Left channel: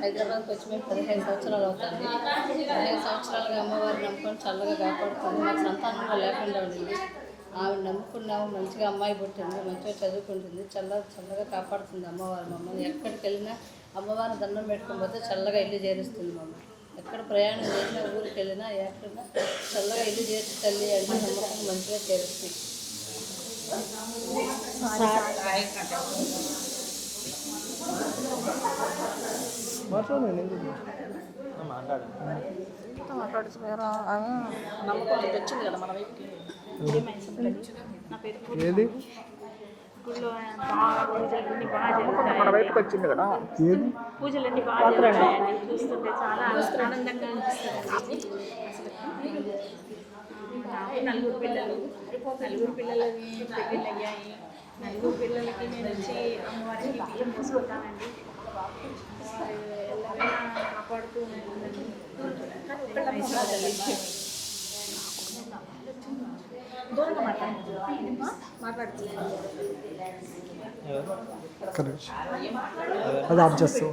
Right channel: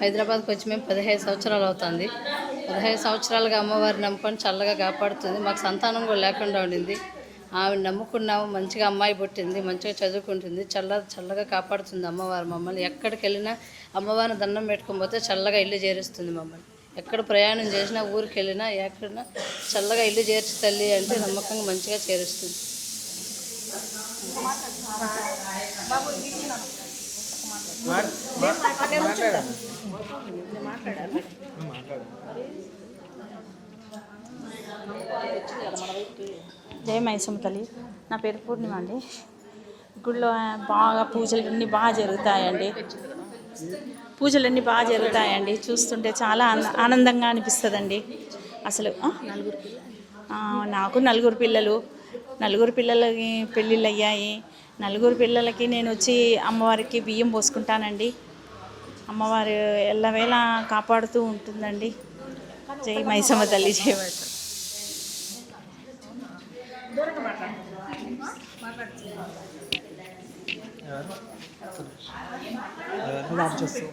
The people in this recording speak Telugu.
హైదరాబాద్కి వచ్చి మేము పదిహేను సంవత్సరాలు అవుతుంది. పదిహేను సంవత్సరాలుగా అమ్మవారిని నమ్ముకొని చల్లగా కాపాడుతుంది. మాకు సంతానం కూడా లేకుండా ఉండింది. ఆమె నమ్ముకున్నాము. మంచిగా అమ్మాయి పుట్టింది. మంచిగా చదువుకుంటుంది. చల్ల చల్లగా కాపాడుతుంది అమ్మవారు మమ్మల్ని. ఎక్కడికి వెళ్ళినా అమ్మవారిని దండం పెట్టుకొని పోతే చల్లగా ఇల్లు చేరుస్తుంది మమ్మల్ని. ఎక్కడ ప్రయాణం చేసినా ఊరికి వెళ్ళినా ఎక్కడినా చల్లగా ఇల్లు చేర్చి తల్లి అంటే నమ్మకంగా మంచిగా చేరుస్తుంది. జయ మైసమ్మ తల్లి. నా పేరు అండి. గుడిలో బాగా పూజలు అన్నీ బాగా జరుగుతాయండి. పూజలు అన్నీ బాగా జరుగుతాయండి. చూస్తుంటే చాలా ఆన- ఆనందంగా అనిపిస్తుందండి. అసలు నాకు నలుగురు పిల్లలు. నలుగురు పిల్లలకి పెళ్ళిళ్ళు అయ్యాయి నలుగురు పిల్లలకి నేను వచ్చి అమ్మవారికి బియ్యం పోసుకుంటానండి. అమ్మవారు ఎల్లవేళ కాపాడుతూ ఉంటుందండి. జై మైసమ్మ తల్లి జై మైసమ్మ. అది ఆఫ్ చేస్తావు.